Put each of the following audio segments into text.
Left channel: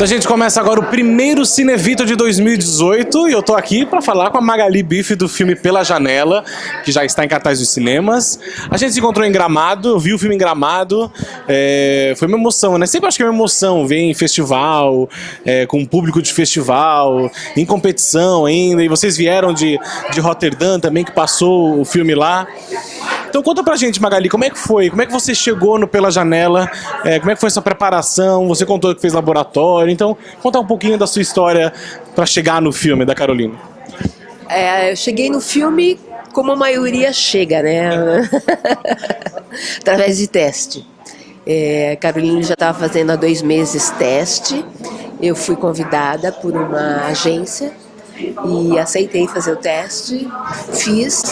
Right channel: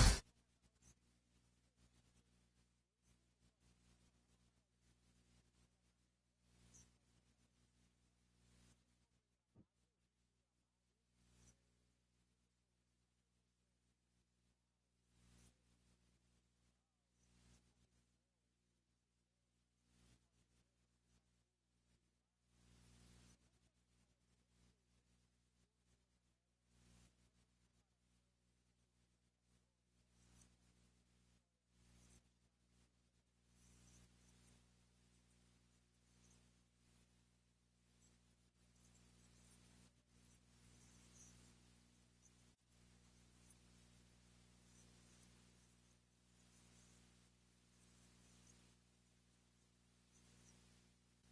Então a gente começa agora o primeiro Cinevito de 2018 e eu tô aqui para falar com a Magali Bife do filme Pela Janela, que já está em cartaz dos cinemas. A gente se encontrou em Gramado, eu vi o filme em Gramado, foi uma emoção, né? Sempre acho que é uma emoção ver em festival, com público de festival, em competição ainda, e vocês vieram de Roterdã também, que passou o filme lá. Então conta pra gente, Magali, como é que foi? Como é que você chegou no Pela Janela? Como é que foi sua preparação? Você contou que fez laboratório, então conta um pouquinho da sua história para chegar no filme da Carolina. Eu cheguei no filme como a maioria chega, né? Através de teste. A Carolina já estava fazendo há 2 meses teste. Eu fui convidada por uma agência e aceitei fazer o teste, fiz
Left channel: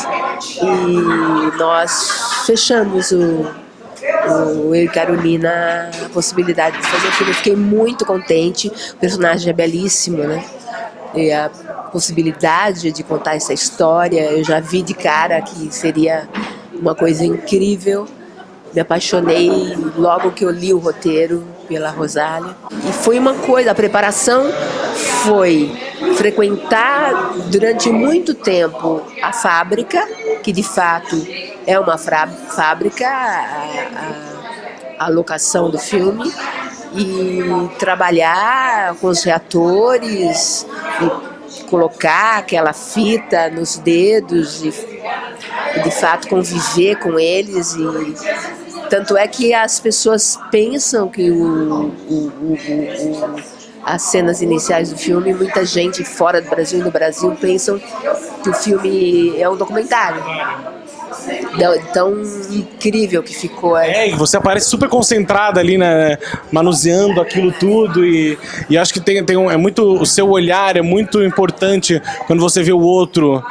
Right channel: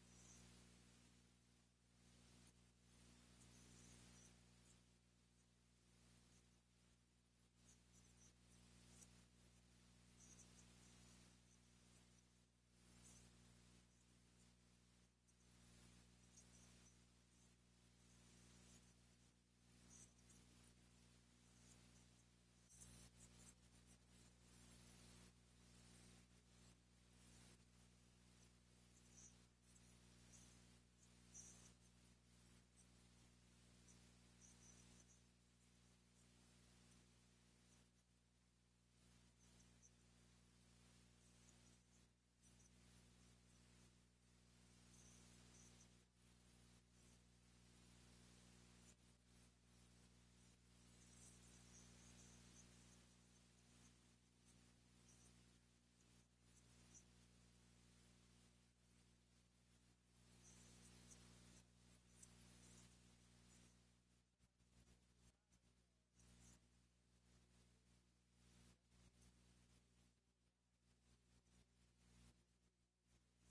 e nós fechamos eu e Carolina a possibilidade de fazer o filme. Eu fiquei muito contente, o personagem é belíssimo, né? E a possibilidade de contar essa história, eu já vi de cara que seria uma coisa incrível. Me apaixonei logo que eu li o roteiro pela Rosália. E foi uma coisa, a preparação foi frequentar durante muito tempo a fábrica, que de fato é uma fábrica, a locação do filme, e trabalhar com os reatores, e colocar aquela fita nos dedos e de fato conviver com eles. E tanto é que as pessoas pensam que as cenas iniciais do filme, muita gente fora do Brasil e no Brasil pensam que o filme é um documentário. Tão incrível que ficou. E você aparece super concentrada ali, né, manuseando aquilo tudo e acho que é muito, o seu olhar é muito importante quando você vê o outro,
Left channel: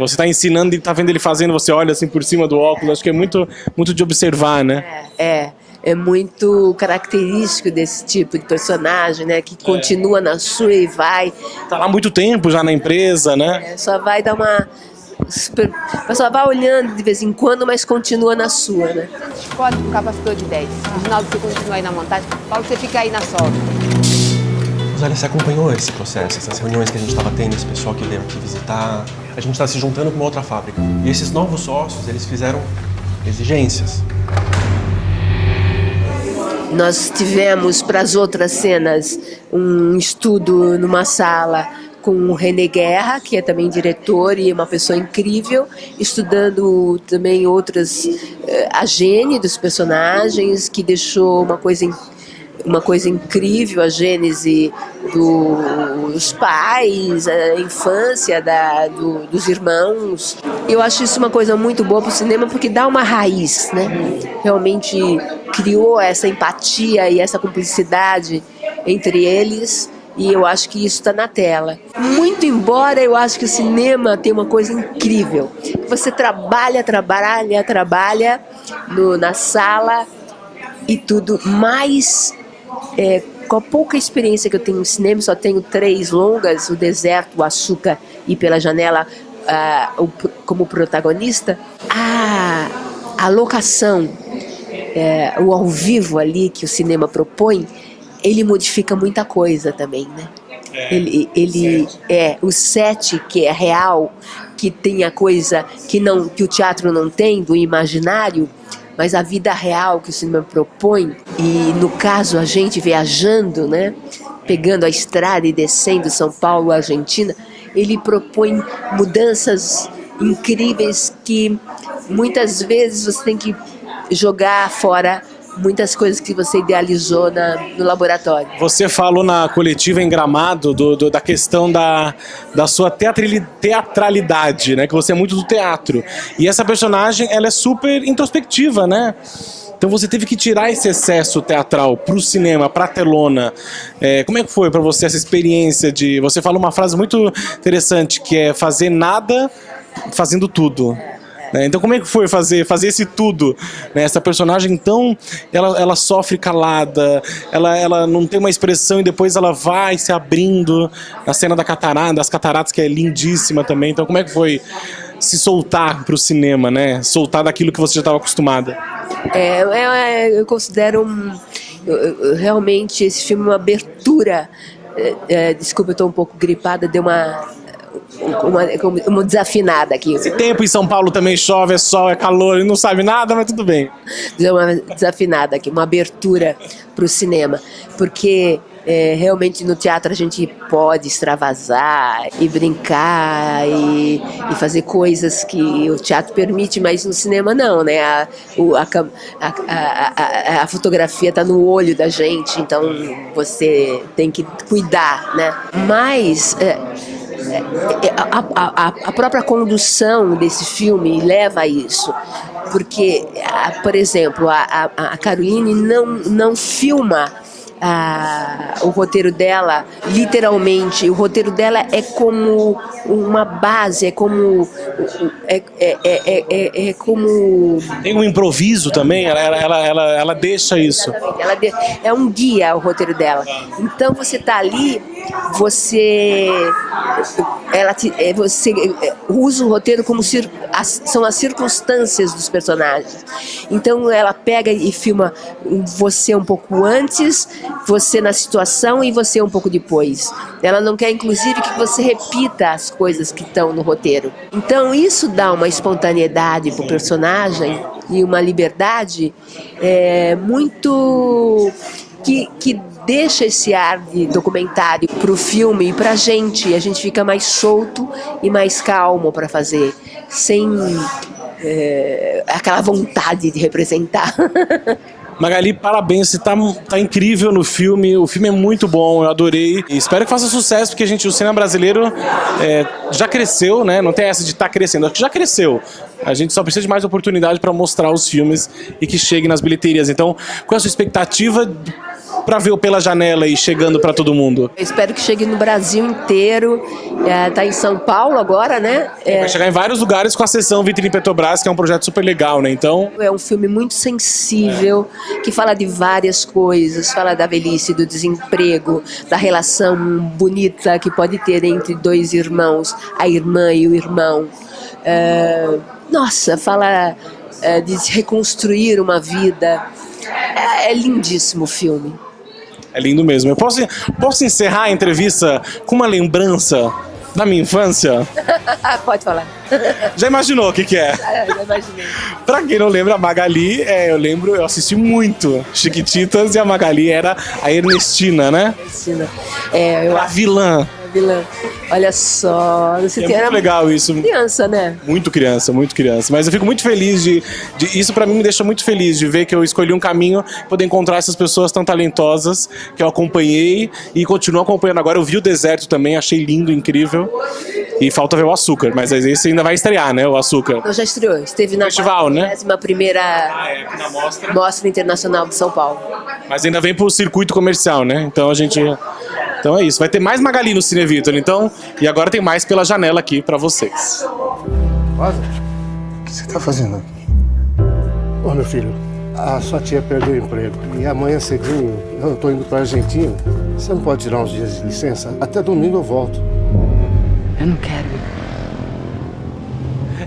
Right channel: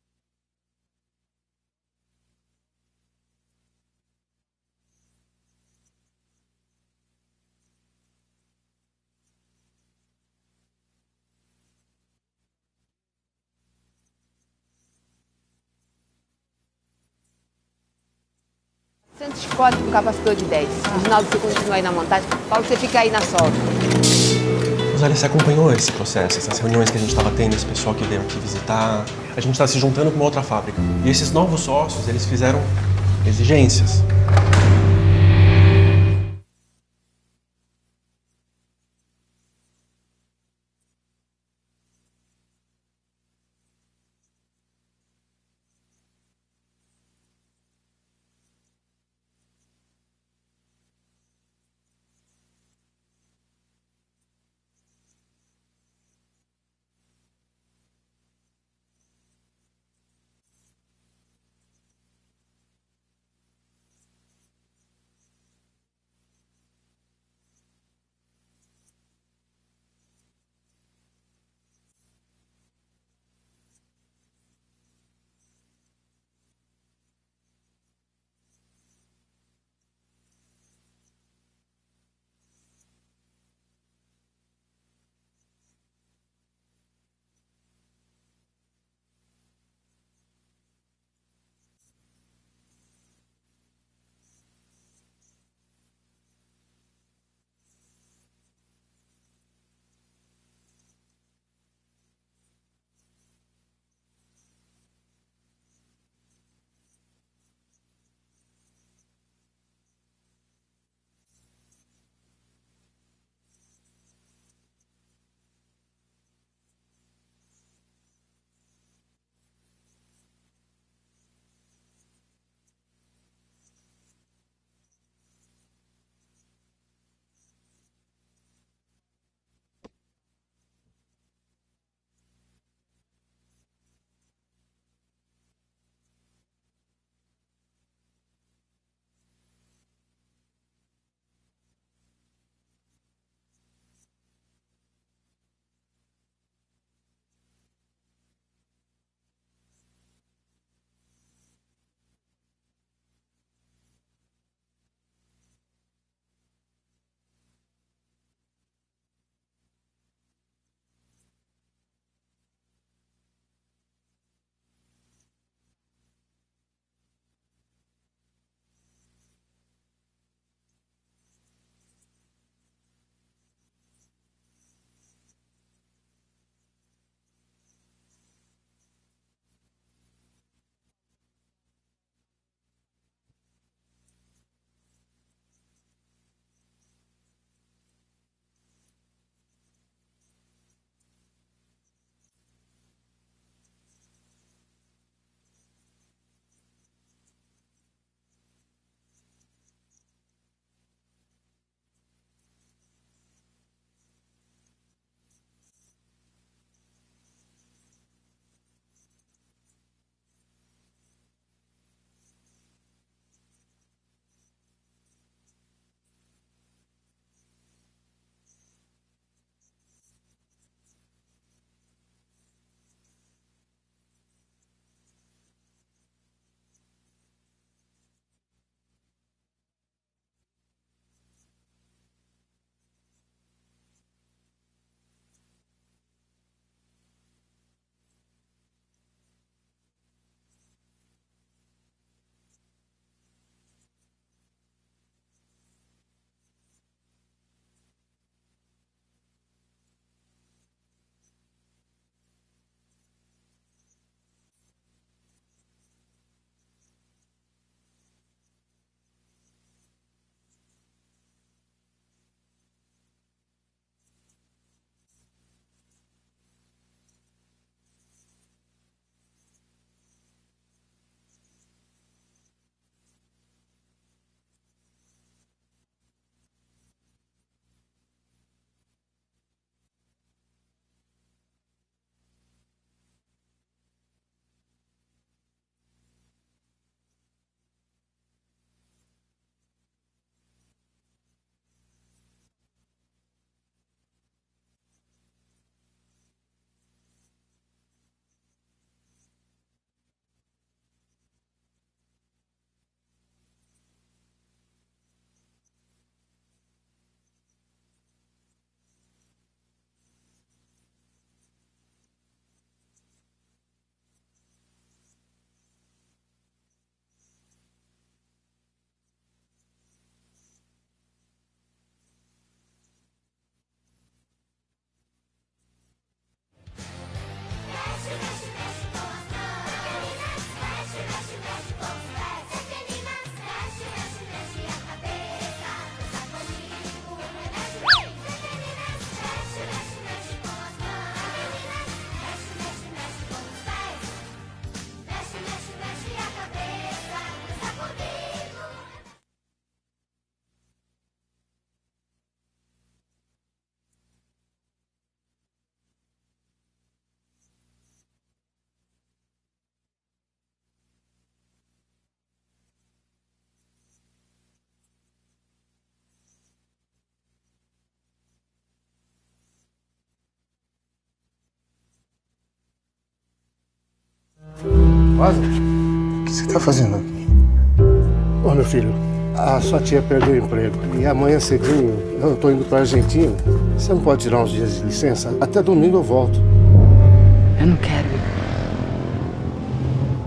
você está ensinando e está vendo ele fazendo, você olha assim por cima do óculos, acho que é muito, muito de observar, né? É muito característico desse tipo de personagem, né, que continua na sua e vai. Tá lá há muito tempo já na empresa, né? Só vai dar uma... Só vai olhando de vez em quando, mas continua na sua, né? Pode com capacitor de 10. Reginaldo, você continua aí na montagem. Paulo, você fica aí na solda. Rosália, você acompanhou esse processo, essas reuniões que a gente estava tendo, esse pessoal que veio aqui visitar? A gente está se juntando com uma outra fábrica. E esses novos sócios, eles fizeram exigências. Nós tivemos para as outras cenas um estudo numa sala com o René Guerra, que é também diretor e uma pessoa incrível, estudando também outras, a gênese dos personagens, que deixou uma coisa incrível, a gênese dos pais, a infância dos irmãos. Eu acho isso uma coisa muito boa para o cinema, porque dá uma raiz, né? Realmente criou essa empatia e essa cumplicidade entre eles. E eu acho que isso está na tela. Muito embora eu acho que o cinema tem uma coisa incrível. Você trabalha na sala e tudo, mas com a pouca experiência que eu tenho no cinema, só tenho 3 longas, O Deserto, O Açúcar e Pela Janela como protagonista, a locação, o ao vivo ali que o cinema propõe, ele modifica muita coisa também, né? O set que é real, que tem a coisa que o teatro não tem, do imaginário, mas a vida real que o cinema propõe, e no caso a gente viajando, né? Pegando a estrada e descendo São Paulo, Argentina, ele propõe mudanças incríveis que muitas vezes você tem que jogar fora muitas coisas que você idealizou no laboratório. Você falou na coletiva em Gramado da questão da sua teatralidade, né? Que você é muito do teatro. E essa personagem, ela é super introspectiva, né? Então você teve que tirar esse excesso teatral pro cinema, pra telona. Como é que foi para você essa experiência de... Você fala uma frase muito interessante, que é fazer nada fazendo tudo. Então como é que foi fazer esse tudo, né? Essa personagem, então, ela sofre calada, ela não tem uma expressão e depois ela vai se abrindo na cena das cataratas, que é lindíssima também. Então como é que foi se soltar pro cinema, né? Soltar daquilo que você já estava acostumada? Eu considero realmente esse filme é uma abertura. Desculpa, eu estou um pouco gripada, deu uma desafinada aqui. Esse tempo em São Paulo também chove, é sol, é calor, e não sabe nada, mas tudo bem. Deu uma desafinada aqui, uma abertura para o cinema, porque realmente no teatro a gente pode extravasar e brincar e fazer coisas que o teatro permite, mas no cinema não, né? A fotografia está no olho da gente, então você tem que cuidar, né? Mas a própria condução desse filme leva a isso, porque, por exemplo, a Caroline não filma o roteiro dela, literalmente. O roteiro dela é como uma base, é como Tem um improviso também, ela deixa isso. É um guia o roteiro dela. Então você tá ali, você usa o roteiro como são as circunstâncias dos personagens. Então ela pega e filma você um pouco antes, você na situação e você um pouco depois. Ela não quer, inclusive, que você repita as coisas que estão no roteiro. Então isso dá uma espontaneidade pro personagem e uma liberdade muito que deixa esse ar de documentário pro filme e pra gente. A gente fica mais solto e mais calmo para fazer, sem aquela vontade de representar. Magali, parabéns, você tá incrível no filme, o filme é muito bom, eu adorei. E espero que faça sucesso, porque o cinema brasileiro já cresceu, né? Não tem essa de estar crescendo, acho que já cresceu. A gente só precisa de mais oportunidade para mostrar os filmes e que chegue nas bilheterias. Então, qual é a sua expectativa para ver o Pela Janela e chegando para todo mundo? Eu espero que chegue no Brasil inteiro. Tá em São Paulo agora, né? Vai chegar em vários lugares com a sessão Vitrine Petrobras, que é um projeto super legal, né? Então, é um filme muito sensível, que fala de várias coisas, fala da velhice, do desemprego, da relação bonita que pode ter entre dois irmãos, a irmã e o irmão. Nossa, fala de reconstruir uma vida. É lindíssimo o filme. É lindo mesmo. Eu posso encerrar a entrevista com uma lembrança da minha infância? Pode falar. Já imaginou o que é? Já imaginei. Pra quem não lembra, a Magali, eu assisti muito Chiquititas e a Magali era a Ernestina, né? Ernestina. A vilã. Olha só, você É muito legal isso. Criança, né? Muito criança. Mas eu fico muito feliz isso pra mim me deixa muito feliz de ver que eu escolhi um caminho, poder encontrar essas pessoas tão talentosas que eu acompanhei e continuo acompanhando. Agora eu vi o Deserto também, achei lindo, incrível. E falta ver o Açúcar, mas esse ainda vai estrear, né? O Açúcar. Não, já estreou. Esteve na festival, né? 41ª na Mostra Internacional de São Paulo. Mas ainda vem pro circuito comercial, né? Então Então é isso. Vai ter mais Magali no Cine Vitor, então. E agora tem mais Pela Janela aqui pra vocês. Rosa, o que você tá fazendo aqui? Ô, meu filho, a sua tia perdeu o emprego. E amanhã cedinho eu tô indo pra Argentina. Você não pode tirar uns dias de licença? Até domingo eu volto. Eu não quero ir.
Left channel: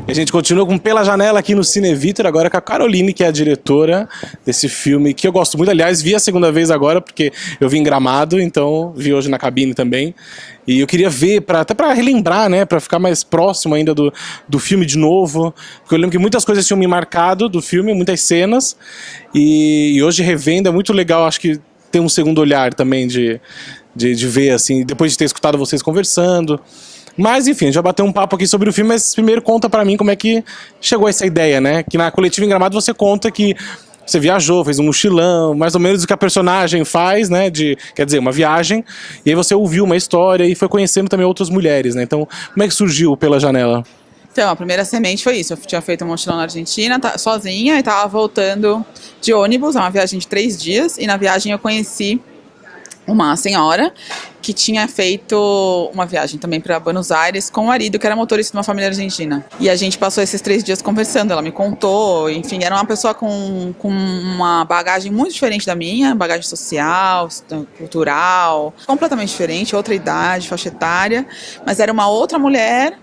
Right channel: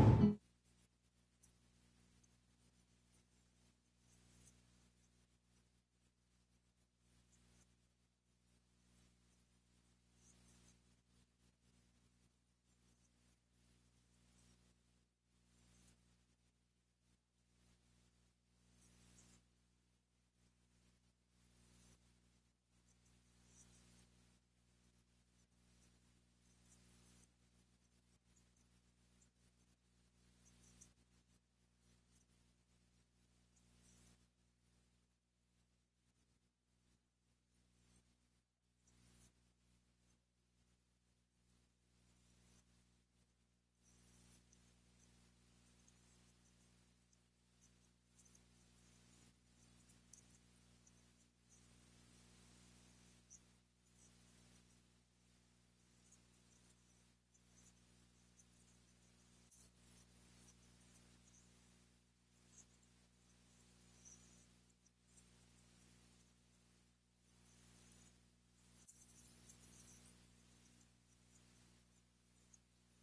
E a gente continua com Pela Janela aqui no Cine Vitor, agora com a Caroline, que é a diretora desse filme, que eu gosto muito. Aliás, vi a segunda vez agora, porque eu vi em Gramado, então vi hoje na cabine também. E eu queria ver, até para relembrar, né, para ficar mais próximo ainda do filme de novo. Porque eu lembro que muitas coisas tinham me marcado do filme, muitas cenas. E hoje revendo é muito legal, acho que tem um segundo olhar também de ver, assim, depois de ter escutado vocês conversando. Mas, enfim, a gente já bateu um papo aqui sobre o filme, mas primeiro conta pra mim como é que chegou essa ideia, né? Que na Coletiva em Gramado você conta que você viajou, fez um mochilão, mais ou menos o que a personagem faz, né? Quer dizer, uma viagem. E aí você ouviu uma história e foi conhecendo também outras mulheres, né? Então, como é que surgiu Pela Janela? Então, a primeira semente foi isso. Eu tinha feito um mochilão na Argentina, sozinha, e tava voltando de ônibus, é uma viagem de 3 dias. E na viagem eu conheci uma senhora que tinha feito uma viagem também para Buenos Aires com o marido, que era motorista de uma família argentina. E a gente passou esses 3 dias conversando, ela me contou, enfim, era uma pessoa com uma bagagem muito diferente da minha, bagagem social, cultural, completamente diferente, outra idade, faixa etária, mas era uma outra mulher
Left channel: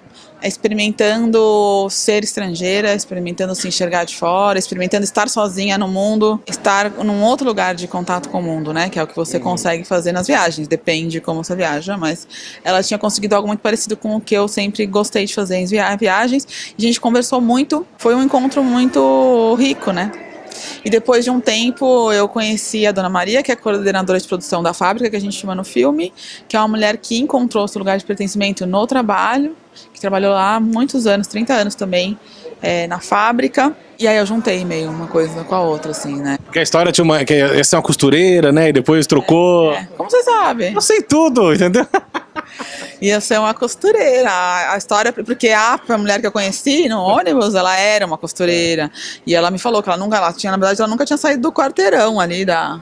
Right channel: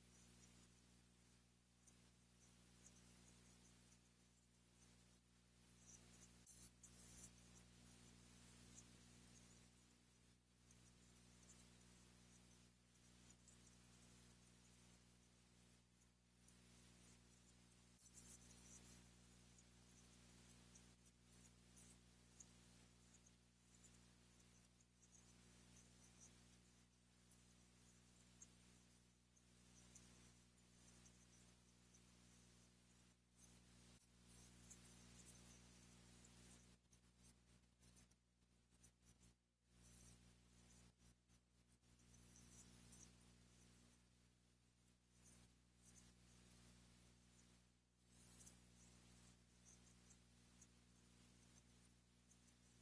experimentando ser estrangeira, experimentando se enxergar de fora, experimentando estar sozinha no mundo, estar num outro lugar de contato com o mundo, né? Que é o que você consegue fazer nas viagens, depende como você viaja, mas ela tinha conseguido algo muito parecido com o que eu sempre gostei de fazer em viagens. A gente conversou muito, foi um encontro muito rico, né? E depois de um tempo eu conheci a Dona Maria, que é a coordenadora de produção da fábrica, que a gente chama no filme, que é uma mulher que encontrou seu lugar de pertencimento no trabalho, que trabalhou lá há muitos anos, 30 anos também, na fábrica. E aí eu juntei meio uma coisa com a outra, assim, né? Porque a história tinha que ia ser uma costureira, né? E depois trocou. Como você sabe? Eu sei tudo, entendeu? Ia ser uma costureira. A história, porque a mulher que eu conheci no ônibus, ela era uma costureira. E ela me falou que ela nunca tinha saído do quarteirão ali da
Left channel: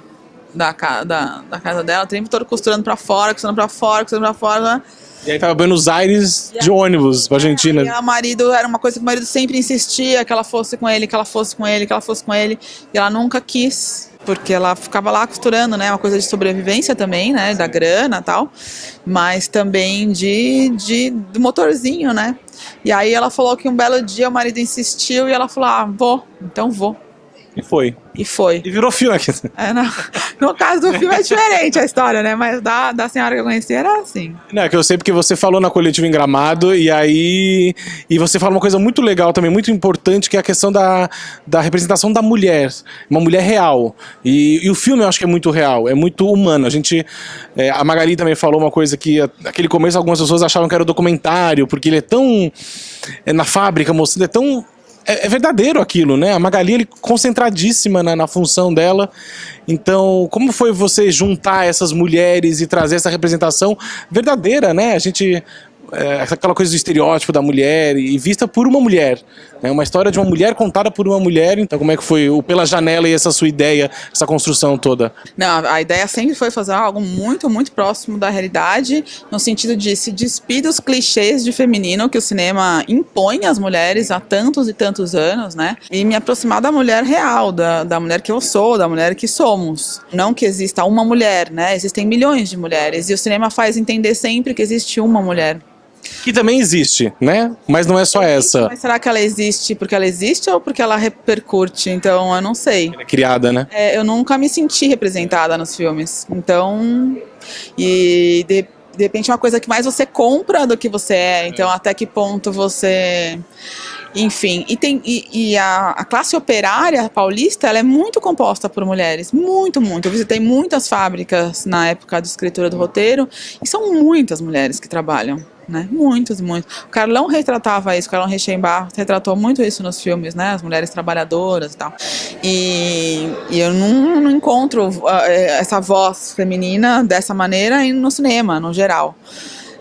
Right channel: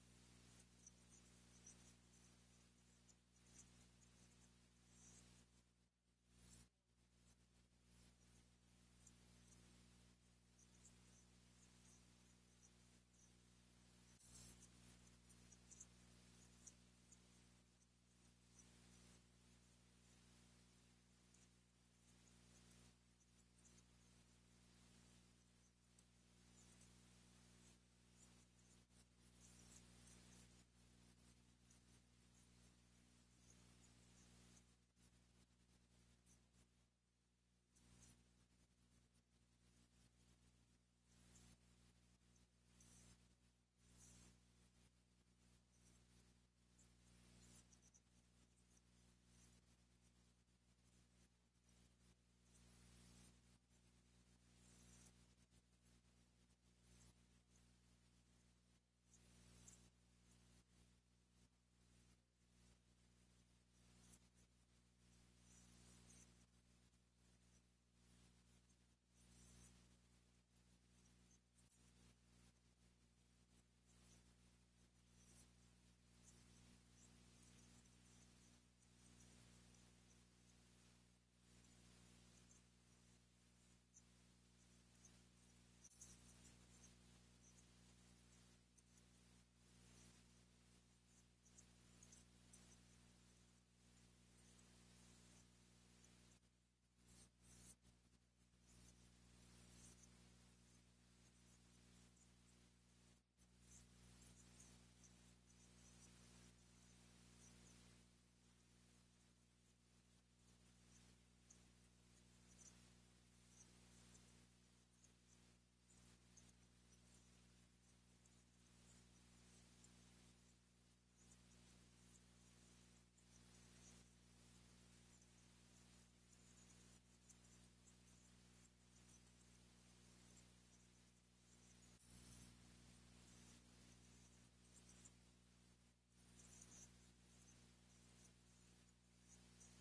casa dela, o tempo todo costurando pra fora, costurando pra fora, costurando pra fora. E aí tava Buenos Aires de ônibus pra Argentina. E o marido, era uma coisa que o marido sempre insistia, que ela fosse com ele, que ela fosse com ele, que ela fosse com ele. E ela nunca quis, porque ela ficava lá costurando, né? Uma coisa de sobrevivência também, né? Da grana e tal. Mas também do motorzinho, né? E aí ela falou que um belo dia o marido insistiu e ela falou, vou, então vou. E foi. E foi. E virou filme aqui. No caso do filme é diferente a história, né? Mas da senhora que eu conheci era assim. Não, é que eu sei porque você falou na coletiva em Gramado e você fala uma coisa muito legal também, muito importante, que é a questão da representação da mulher. Uma mulher real. E o filme eu acho que é muito real, é muito humano. A Magali também falou uma coisa que naquele começo algumas pessoas achavam que era documentário, porque ele é tão... na fábrica, mostrando, é tão... É verdadeiro aquilo, né? A Magali, ele concentradíssima na função dela. Então, como foi você juntar essas mulheres e trazer essa representação verdadeira, né? Aquela coisa do estereótipo da mulher e vista por uma mulher. É uma história de uma mulher contada por uma mulher. Então, como é que foi o Pela Janela e essa sua ideia, essa construção toda? Não, a ideia sempre foi fazer algo muito, muito próximo da realidade, no sentido de se despir dos clichês de feminino que o cinema impõe às mulheres há tantos e tantos anos, né? E me aproximar da mulher real, da mulher que eu sou, da mulher que somos. Não que exista uma mulher, né? Existem milhões de mulheres e o cinema faz entender sempre que existe uma mulher. Que também existe, né? Mas não é só essa. Mas será que ela existe porque ela existe ou porque ela repercute? Então, eu não sei. Ela é criada, né? Eu nunca me senti representada nos filmes. Então, de repente é uma coisa que mais você compra do que você é. Então, até que ponto você... Enfim, a classe operária paulista, ela é muito composta por mulheres, muito, muito. Eu visitei muitas fábricas na época de escritura do roteiro e são muitas mulheres que trabalham, né? Muitos. O Carlão retratava isso, o Carlão Reichenbach retratou muito isso nos filmes, né? As mulheres trabalhadoras e tal. E eu não encontro essa voz feminina dessa maneira no cinema, no geral.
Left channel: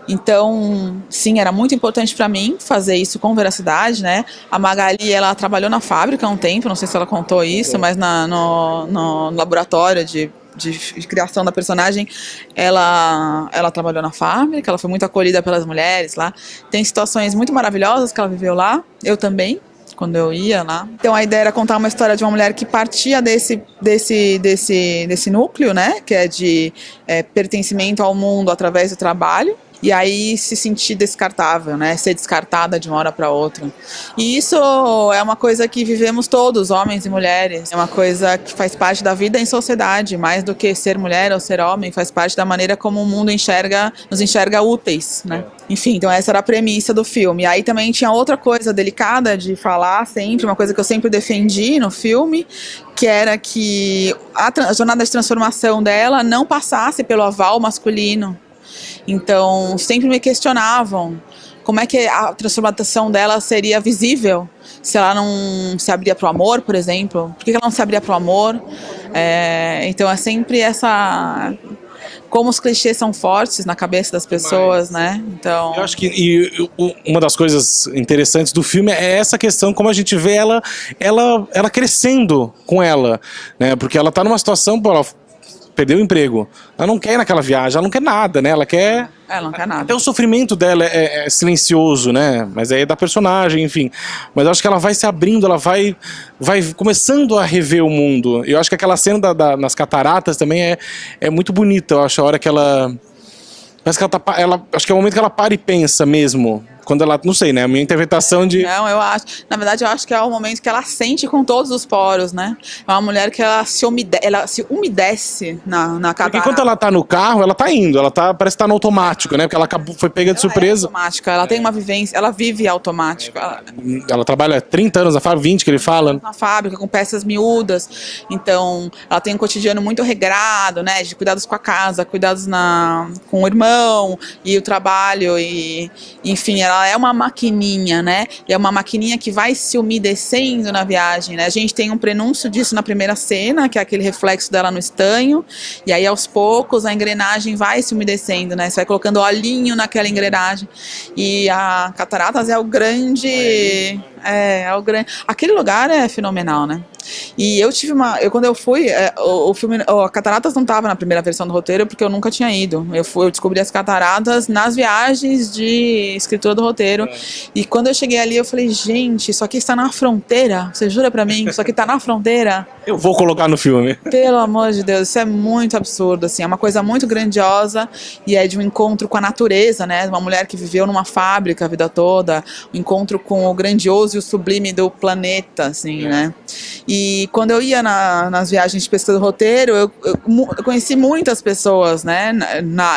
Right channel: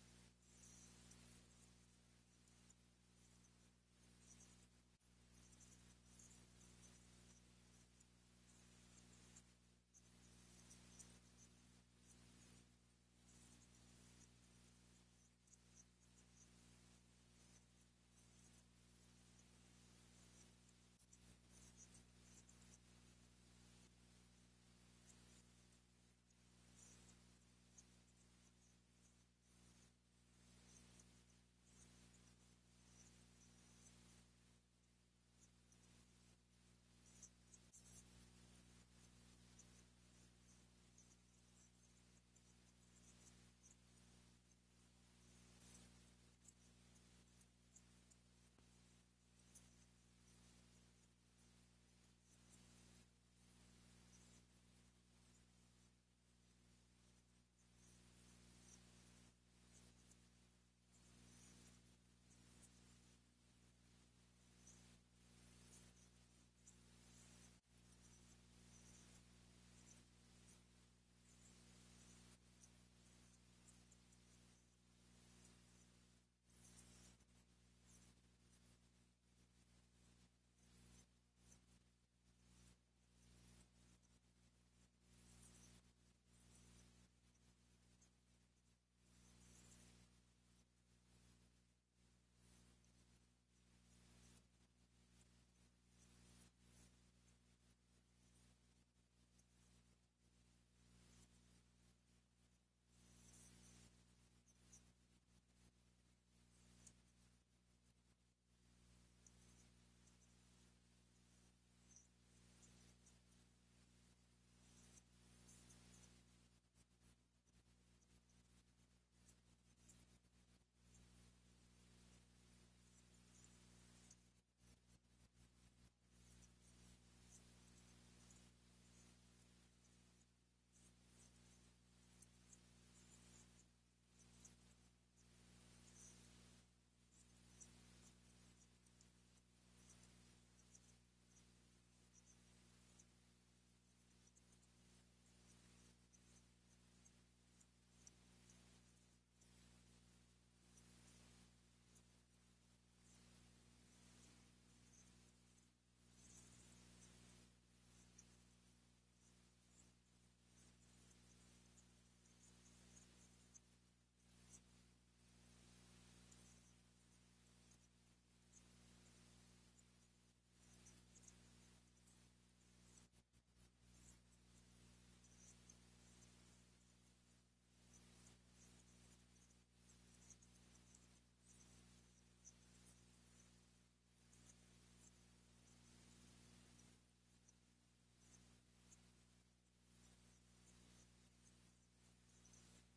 Então, sim, era muito importante para mim fazer isso com veracidade, né? A Magali, ela trabalhou na fábrica há um tempo, não sei se ela contou isso, mas no laboratório de criação da personagem, ela trabalhou na fábrica, ela foi muito acolhida pelas mulheres lá. Tem situações muito maravilhosas que ela viveu lá, eu também, quando eu ia lá. Então a ideia era contar uma história de uma mulher que partia desse núcleo, né? Que é de pertencimento ao mundo através do trabalho. E aí se sentir descartável, né? Ser descartada de uma hora para outra. E isso é uma coisa que vivemos todos, homens e mulheres. É uma coisa que faz parte da vida em sociedade, mais do que ser mulher ou ser homem, faz parte da maneira como o mundo nos enxerga úteis, né? Enfim, então essa era a premissa do filme. E aí também tinha outra coisa delicada de falar sempre, uma coisa que eu sempre defendi no filme, que era que a jornada de transformação dela não passasse pelo aval masculino. Então, sempre me questionavam como é que a transformação dela seria visível se ela não se abria para o amor, por exemplo. Por que ela não se abria para o amor? Então, é sempre como os clichês são fortes na cabeça das pessoas, né? Então... Eu acho que uma das coisas interessantes do filme é essa questão, como a gente vê ela crescendo com ela, né? Porque ela está numa situação... Ela perdeu o emprego. Ela não quer ir naquela viagem, ela não quer nada, né? Ela não quer nada. Até o sofrimento dela é silencioso, né? Mas é da personagem, enfim. Mas eu acho que ela vai se abrindo, ela vai começando a rever o mundo. Eu acho que aquela cena nas cataratas também é muito bonita. Eu acho a hora que ela... Parece que acho que é o momento que ela para e pensa mesmo. quando ela, não sei, né, a minha interpretação de... Não, eu acho, na verdade eu acho que é o momento que ela sente com todos os poros, né? É uma mulher que ela se umedece na Porque catarata. enquanto ela tá no carro, ela tá indo, parece que tá no automático, né, porque ela foi pega de surpresa. É automática, ela tem uma vivência, ela vive automático. Ela trabalha 30 anos, a fábrica, 20 que ele fala. Na fábrica, com peças miúdas. Então, ela tem um cotidiano muito regrado, né? De cuidados com a casa, cuidados com o irmão e o trabalho. E, enfim, ela é uma maquininha, né? E é uma maquininha que vai se umedecendo na viagem, né? A gente tem um prenúncio disso na primeira cena, que é aquele reflexo dela no estanho. E aí, aos poucos, a engrenagem vai se umedecendo, né? Você vai colocando olhinho naquela engrenagem. E a Cataratas é o grande... É o grande... Aquele lugar é fenomenal, né? E eu tive quando eu fui, o filme, a Cataratas não estava na primeira versão do roteiro porque eu nunca tinha ido. Eu descobri as Cataratas nas viagens de escritura do roteiro. E quando eu cheguei ali, eu falei, gente, isso aqui está na fronteira. Você jura pra mim? Isso aqui está na fronteira? Eu vou colocar no filme. Pelo amor de Deus, isso é muito absurdo, assim, é uma coisa muito grandiosa e é de um encontro com a natureza, né? Uma mulher que viveu numa fábrica a vida toda, um encontro com o grandioso e o sublime do planeta, assim, né? E quando eu ia nas viagens de pesquisa do roteiro, eu conheci muitas pessoas, né?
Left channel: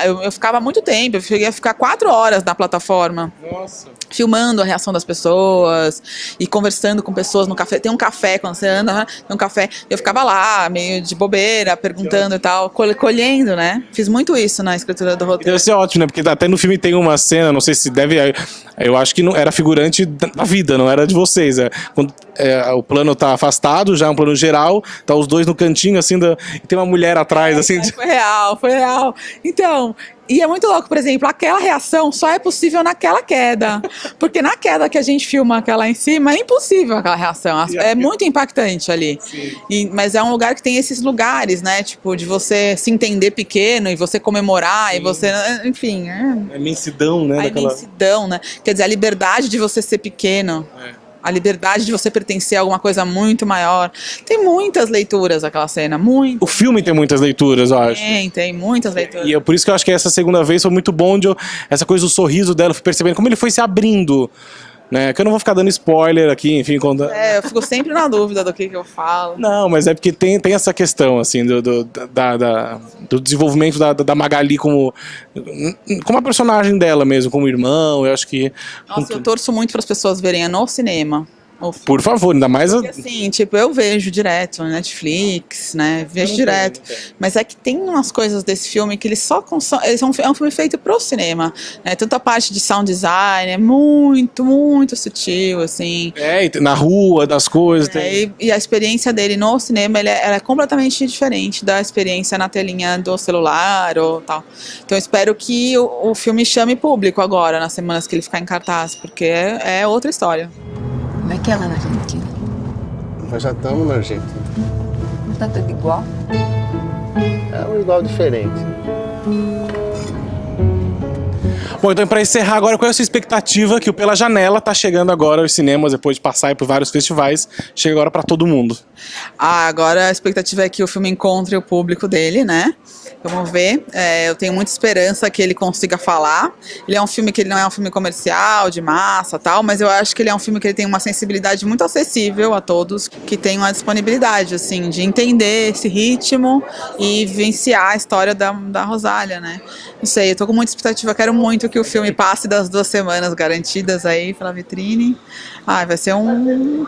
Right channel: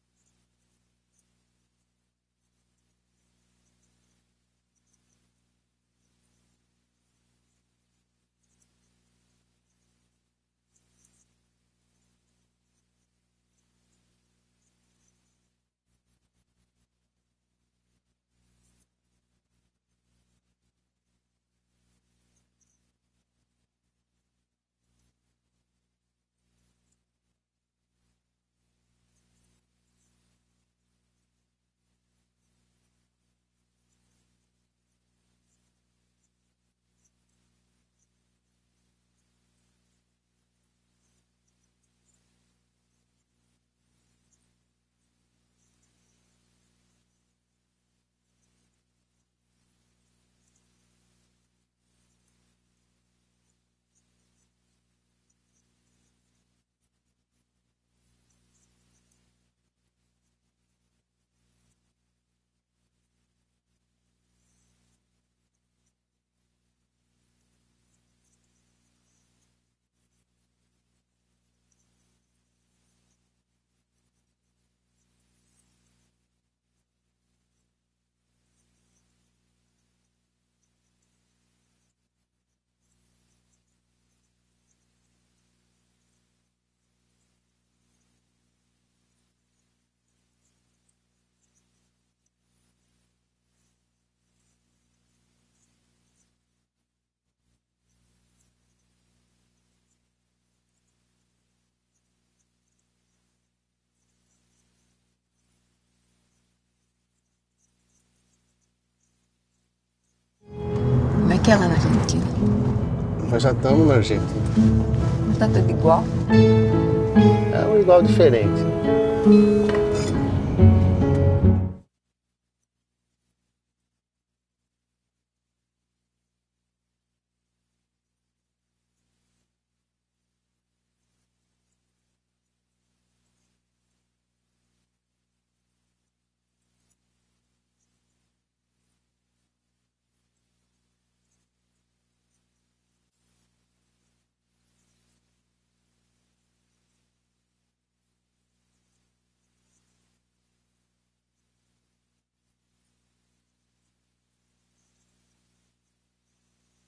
Eu ficava muito tempo, eu cheguei a ficar 4 horas na plataforma. Nossa. Filmando a reação das pessoas e conversando com pessoas no café. Tem um café, quando você anda, tem um café. Eu ficava lá, meio de bobeira, perguntando e tal, colhendo, né? Fiz muito isso na escritura do roteiro. Deve ser ótimo, né? Porque até no filme tem uma cena, não sei se deve... Eu acho que não era figurante da vida, não era de vocês. Quando o plano tá afastado, já é um plano geral, tá os dois no cantinho, assim, e tem uma mulher atrás, assim... Foi real. Então... E é muito louco, por exemplo, aquela reação só é possível naquela queda. Porque na queda que a gente filma aquela em cima, é impossível aquela reação. É muito impactante ali. Mas é um lugar que tem esses lugares, né? Tipo, de você se entender pequeno e você comemorar e você... Enfim, A imensidão, né? A imensidão, né? Quer dizer, a liberdade de você ser pequeno. A liberdade de você pertencer a alguma coisa muito maior. Tem muitas leituras aquela cena, muito. O filme tem muitas leituras, eu acho. Tem muitas leituras. E por isso que eu acho que essa segunda vez foi muito bom, essa coisa do sorriso dela, eu fui percebendo como ele foi se abrindo. Né? Que eu não vou ficar dando spoiler aqui, enfim. Eu fico sempre na dúvida do que eu falo. Não, mas é porque tem essa questão, assim, do desenvolvimento da Magali como a personagem dela mesmo, como irmão, eu acho que... Nossa, eu torço muito para as pessoas verem no cinema. Por favor, ainda mais... Porque, assim, tipo, eu vejo direto na Netflix, né? Vejo direto. Mas é que tem umas coisas desse filme que eles só é um filme feito pro cinema. Né? Tanto a parte de sound design é muito, muito sutil, assim. Na rua, das coisas. E a experiência dele no cinema, ela é completamente diferente da experiência na telinha do celular ou tal. Então eu espero que o filme chame público agora, nas semanas que ele ficar em cartaz, porque é outra história. Como é que é lá na Argentina? Nós já estamos na Argentina. Não tá tudo igual? É um igual diferente. Bom, então para encerrar agora, qual é a sua expectativa que o Pela Janela tá chegando agora aos cinemas, depois de passar por vários festivais, chega agora para todo mundo? Agora a expectativa é que o filme encontre o público dele, né? Vamos ver. Eu tenho muita esperança que ele consiga falar. Ele é um filme que ele não é um filme comercial, de massa, tal, mas eu acho que ele é um filme que ele tem uma sensibilidade muito acessível a todos, que tem uma disponibilidade, assim, de entender esse ritmo e vivenciar a história da Rosália, né? Não sei, eu tô com muita expectativa, quero muito que o filme passe das 2 semanas garantidas aí pela vitrine. Vai ser um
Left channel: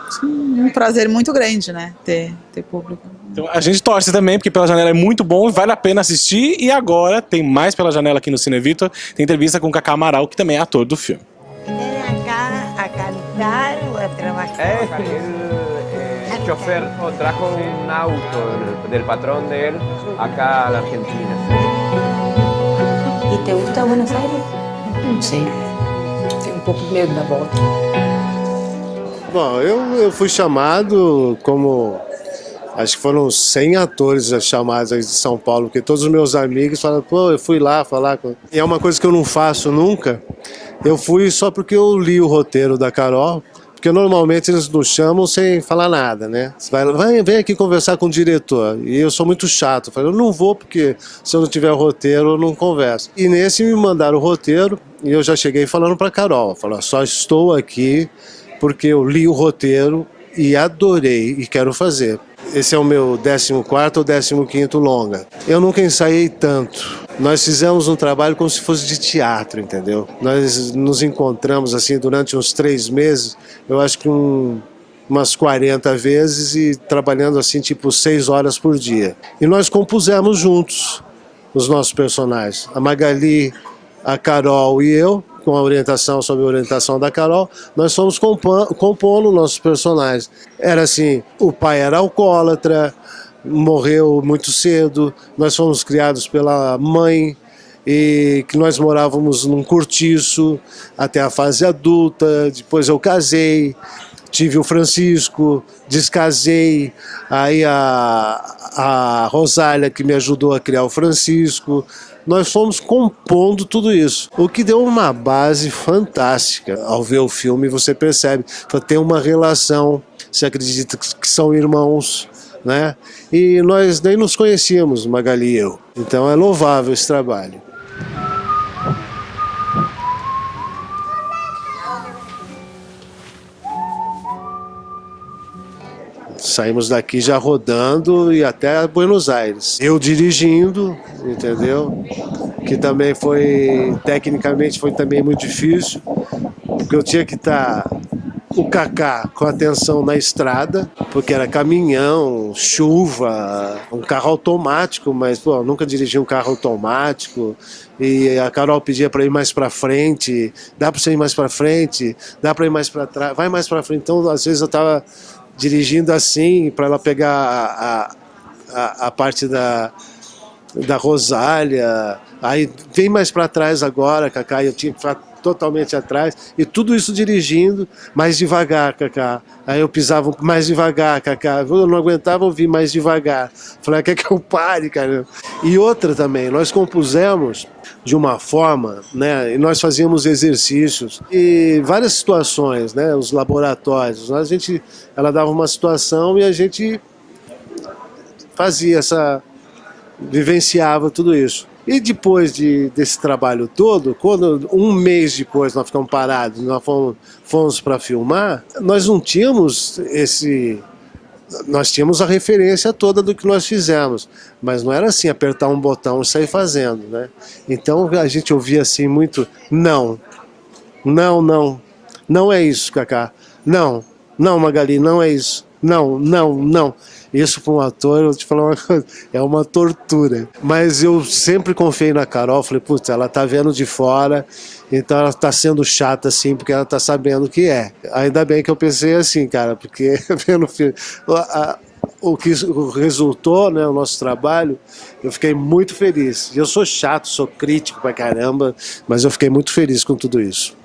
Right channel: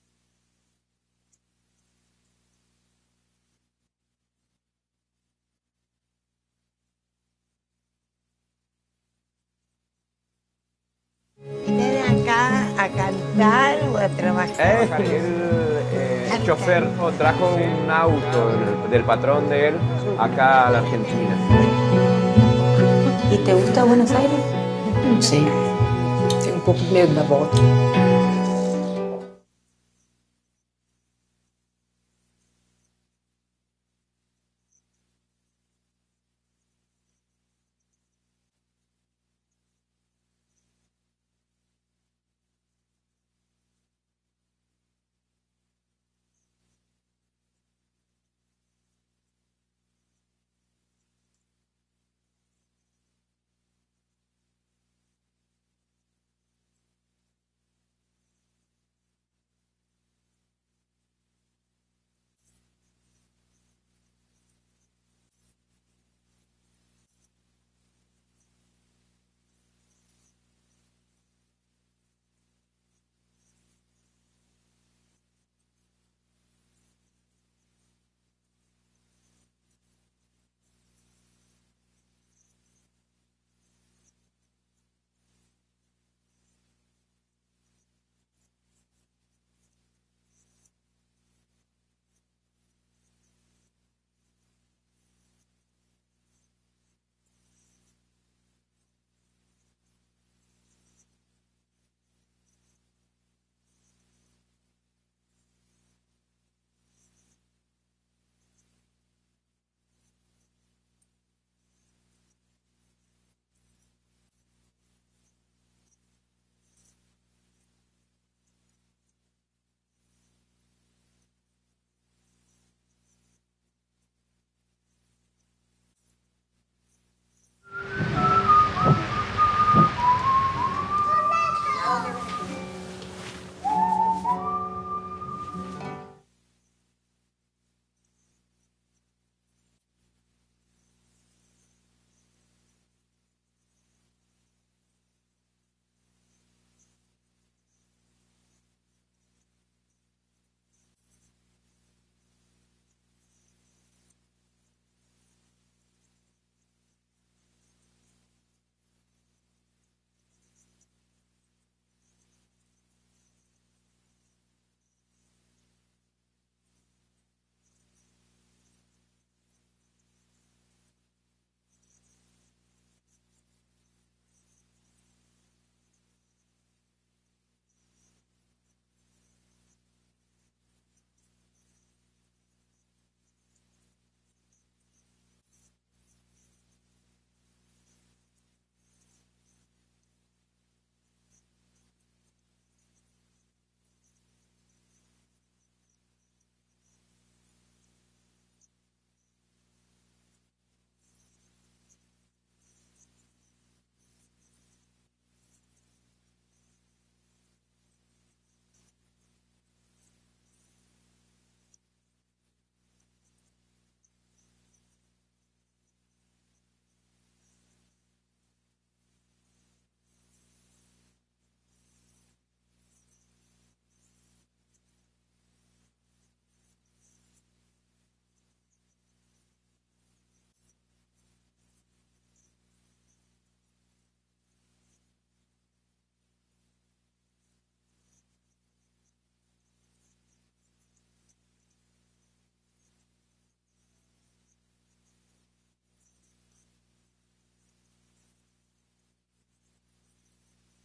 prazer muito grande, né? Ter público. Então, a gente torce também, porque Pela Janela é muito bom, vale a pena assistir. E agora tem mais Pela Janela aqui no Cine Vitor. Tem entrevista com o Cacá Amaral, que também é ator do filme. ¿Viene acá a cantar o a trabajar? El chofer trajo un auto del patrón de él acá a la Argentina. E te gusta Buenos Aires? Não sei. Tenho um pouco de medo da volta. Bom, eu fui chamado como... Acho que foram 100 atores chamados aí de São Paulo, porque todos os meus amigos falaram, pô, eu fui lá falar com... E é uma coisa que eu não faço nunca. Eu fui só porque eu li o roteiro da Carol, Porque normalmente eles nos chamam sem falar nada, né? Você vem aqui conversar com o diretor. E eu sou muito chato. Eu falei, eu não vou porque se eu não tiver roteiro eu não converso. E nesse me mandaram o roteiro e eu já cheguei falando para Carol. Falei, só estou aqui porque eu li o roteiro e adorei e quero fazer. Esse é o meu 14º ou 15º longa. Eu nunca ensaiei tanto. Nós fizemos um trabalho como se fosse de teatro, entendeu? Nós nos encontramos assim durante uns 3 meses, eu acho que umas 40 vezes e trabalhando assim tipo 6 horas por dia. E nós compusemos juntos os nossos personagens. A Magali, a Carol e eu, com a orientação, sob a orientação da Carol, nós fomos compondo nossos personagens. Era assim, o pai era alcoólatra, morreu muito cedo, nós fomos criados pela mãe, e que nós morávamos num cortiço até a fase adulta, depois eu casei, tive o Francisco, descasei, aí a Rosália que me ajudou a criar o Francisco. Nós fomos compondo tudo isso, o que deu uma base fantástica. Ao ver o filme você percebe, tem uma relação, você acredita que são irmãos, né? E nós nem nos conhecíamos, Magali e eu. Então é louvável esse trabalho. Saímos daqui já rodando e até Buenos Aires. Eu dirigindo, entendeu? Que também foi, tecnicamente foi também muito difícil, porque eu tinha que estar o Kaká com atenção na estrada, porque era caminhão, chuva, um carro automático, mas pô, eu nunca dirigi um carro automático. E a Carol pedia para ir mais para frente, dá para você ir mais para frente, dá para ir mais para trás, vai mais para frente. Então, às vezes eu estava dirigindo assim, para ela pegar a parte da Rosália, aí vem mais para trás agora, Kaká, eu tinha que ficar totalmente atrás, e tudo isso dirigindo mais devagar, Kaká. Aí eu pisava mais devagar, Kaká. Eu não aguentava ouvir mais devagar. Falei, quer que eu pare, cara? E outra também, nós compusemos de uma forma, né? E nós fazíamos exercícios e várias situações, né? Os laboratórios. Ela dava uma situação e a gente fazia vivenciava tudo isso. E depois desse trabalho todo, quando um mês depois nós ficamos parados, nós fomos para filmar, nós não tínhamos nós tínhamos a referência toda do que nós fizemos, mas não era assim, apertar um botão e sair fazendo, né? Então a gente ouvia assim muito, não é isso, Kaká, não, Magali, não é isso, não. Isso para um ator, eu te falar uma coisa, é uma tortura. Mas eu sempre confiei na Carol, falei, putz, ela tá vendo de fora, então ela tá sendo chata assim, porque ela tá sabendo o que é. Ainda bem que eu pensei assim, cara, porque vendo o que resultou, né, o nosso trabalho, eu fiquei muito feliz. Eu sou chato, sou crítico pra caramba, mas eu fiquei muito feliz com tudo isso.